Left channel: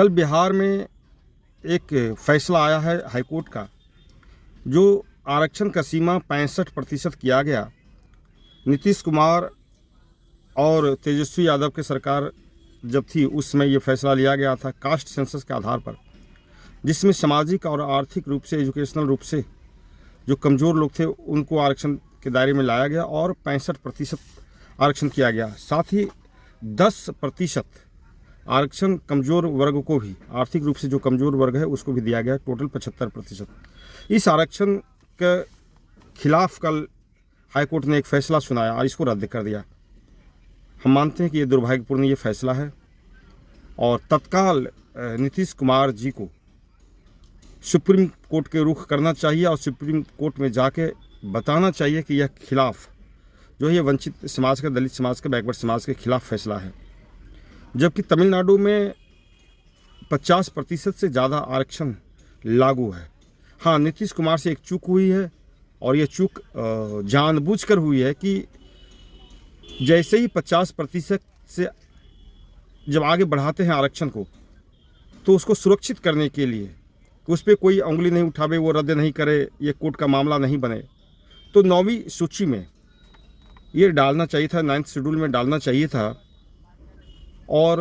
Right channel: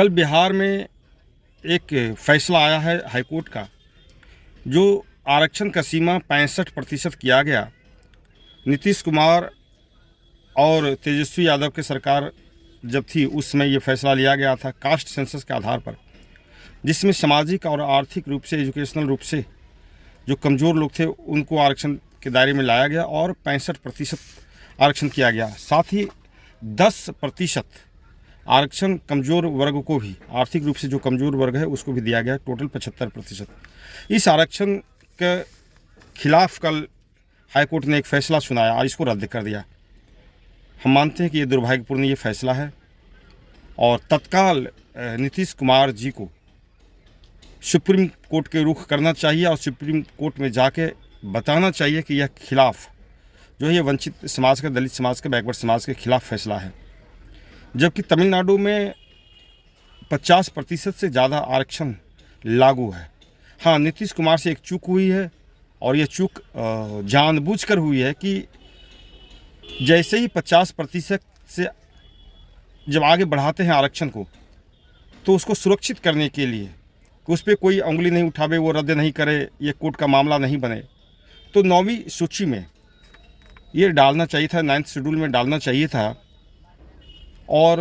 कल बिहार में एक फैसला आया है हाईकोर्ट का, जो आरक्षण का सीमा 65% किया गया। नीतीश कुमार और तेजस्वी यादव की सरकार जब थी उस समय ये फैसला लिया गया था कास्ट सेंसस के आधार पर, जिसमें सामाजिक और आर्थिक रूप से, एजुकेशनल रूप से जो कमज़ोर लोग थे उनको आरक्षण के दायरे में लाया गया और 65% आरक्षण किया गया। साथ ही 10% आरक्षण कमज़ोर वर्ग को भी, आर्थिक रूप से जो कमज़ोर वर्ग है उसको भी दिया गया, टोटल 75%। इस आरक्षण के खिलाफ कल हाईकोर्ट ने एक फ़ैसला सुनाया और इसको रद्द कर दिया। हम मानते हैं कि ये दुर्भाग्यपूर्ण ये फैसला है और तत्काल नीतीश कुमार जी को सुप्रीम कोर्ट के रुख करना चाहिए और सुप्रीम कोर्ट में जाके बताना चाहिए कि यह खिलाफ जो है ये वंचित समाज का, दलित समाज का, बैकवर्ड समाज के खिलाफ फैसला है। जबकि तमिलनाडु में 50% से ज़्यादा आरक्षण लागू है। हाँ, नीतीश कुमार से एक चूक हुई है और ये चूक जानबूझकर हुई है कि जैसे ही 50% से जब आगे बढ़ाते हैं आरक्षण को, तो उसको सुरक्षित करने के लिए कि उस पर कोई उंगली नहीं उठावे, वो रद्द नहीं करे, ये कोर्ट का मामला नहीं बने, तो 9वीं सूची में ये डालना चाहिए था, 9th शेड्यूल में डालना चाहिए था। और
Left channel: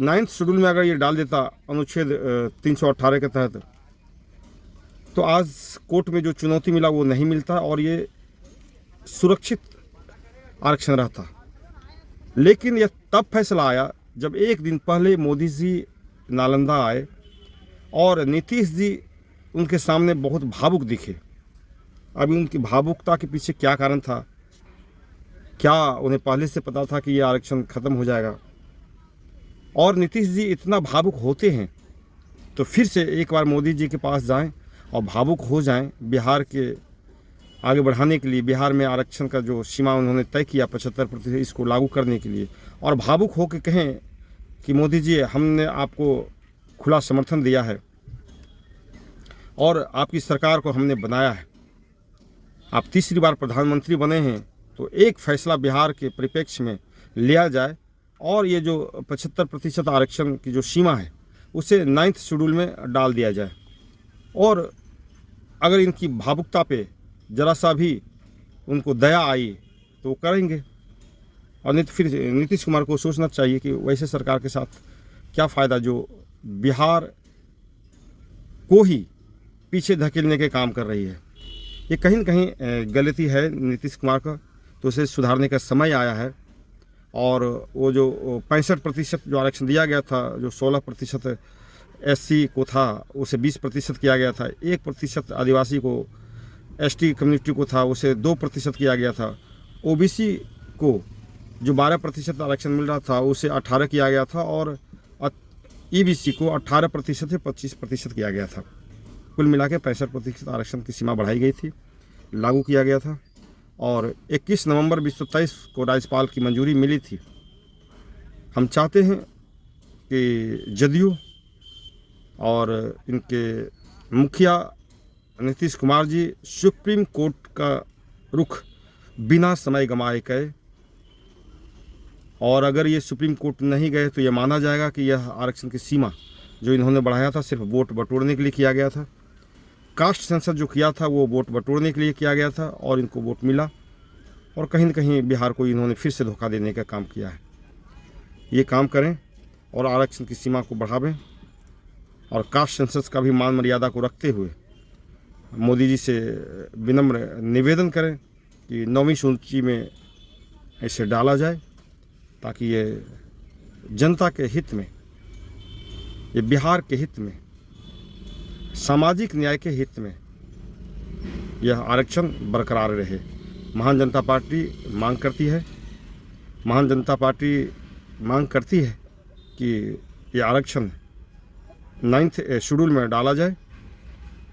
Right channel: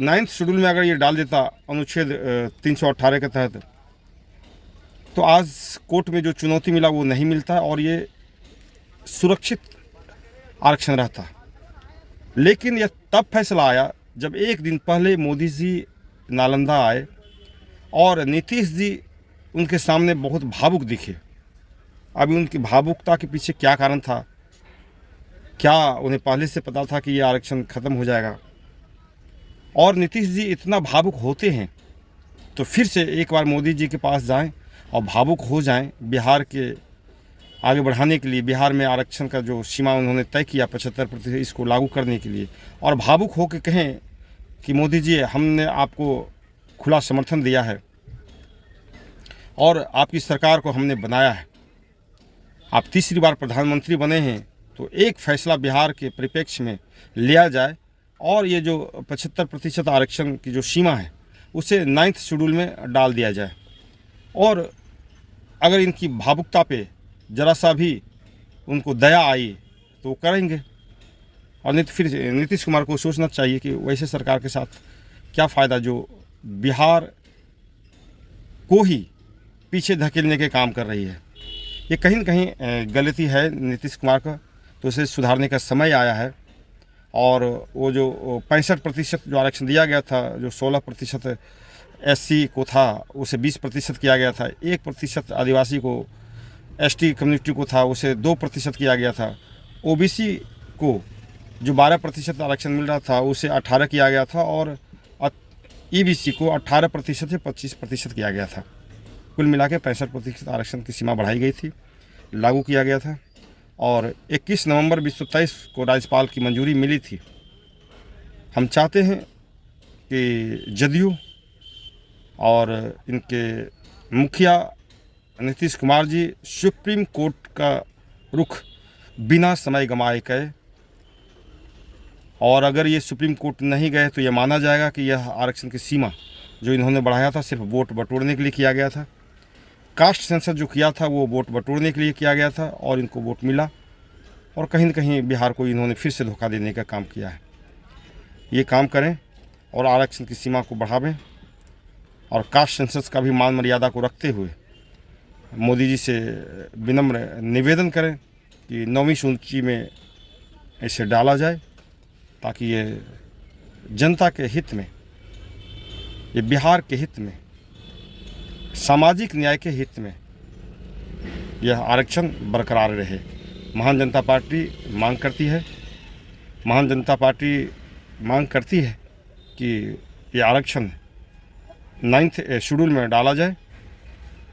9th शेड्यूल में अगर ये डाल देता अनुच्छेद 318 के तहत, तो आज कोर्ट में जो चुनौती मिला वो नहीं मिलता और ये सुरक्षित आरक्षण रहता। लेकिन यह तब फैसला आया जब एक दिन पहले मोदी जी नालंदा आए और नीतीश जी उनके सामने बहुत भावुक दिखे। अभी उनकी भावुकता के पीछे क्या कारण था? क्या उन्हें पहले से पता था कि यह आरक्षण ख़त्म हो जाएगा? और नीतीश जी इतना भावुक होते हैं तो फिर से एक बार मोदी जी के पास जाएं और भावुक हो जाएं बिहार के आगे बढ़ाने के लिए। बिहार में आरक्षण का जो सीमा उन्होंने तय किया 75%, इसको लागू करने के लिए, और भावुक हो के कहें कि मोदी जी, हमने आपको खुला समर्थन दिया है और आपकी सरकार को हमने बनाया है, आप तीसरी बार प्रधानमंत्री बने हैं, तो एक फैसला बिहार के परिप्रेक्ष्य में लिया जाए और ये जो 75% आरक्षण की जो सीमा है उसे 9th शेड्यूल में डाल दिया जाए। और अगर इनकी भावुकता पे ज़रा सा भी उनको दया आई तो वो करेंगे, और नहीं तो फिर नीतीश कुमार को सोचना चाहिए कि वैसे सरकार के साथ क्या फ़ायदा जो बिहार को ही पीछे धकेलने के काम कर रही है। ये कहीं न कहीं गलती है नीतीश कुमार का, तो उसे सुधारने का समय आया है। और वो जो 65% जो आरक्षण दिया गया था, जो 16% SC को था उसे 20% किया गया था, 1% आदिवासी को, ST कम्युनिटी को था उसे 2% किया गया था, OBC को जो 12% आरक्षण मिल रहा था उसे 18 किया गया था, और EBC को 18% से 25% किया गया था। कुल मिला के 65% आरक्षण की सीमा बढ़ाई गई थी, लागू किया गया था। और 21 नवंबर 2023 को राज्यपाल की मंजूरी मिली थी। हम चाहते हैं कि जदयू और इनके मुखिया नीतीश कुमार जी सुप्रीम कोर्ट का रुख बिना समय गंवाए गए, और अगर ये सुप्रीम कोर्ट नहीं गए तो ये माना जाएगा कि यह आरक्षण की सीमा जो इन्होंने बढ़ाया था सिर्फ वोट बटोरने के लिए किया गया था। कास्ट सेंसस जो किया था वो वोट बटोरने के लिए किया गया था और इनको वोट मिला, और कहीं न कहीं बिहार को इन्होंने फिर से धोखा देने का काम किया है। ये काम करें और आरक्षण की सीमा को बढ़ावें, और कास्ट सेंसस का भी मान मर्यादा को रखते हुए मोदी जी से विनम्र निवेदन करें कि 9वीं सूची में इसे डाला जाए, ताकि ये जनता के हित में, ये बिहार के हित में, सामाजिक न्याय के हित में यह आरक्षण बरकरार रहे। महान जनता पार्टी मांग करती है कि ये आरक्षण 9th शेड्यूल में डाला जाए,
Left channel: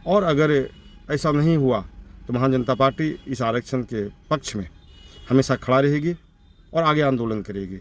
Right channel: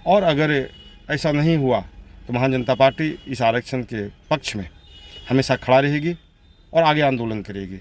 और अगर ऐसा नहीं हुआ तो महान जनता पार्टी इस आरक्षण के पक्ष में हमेशा खड़ा रहेगी और आगे आंदोलन करेगी।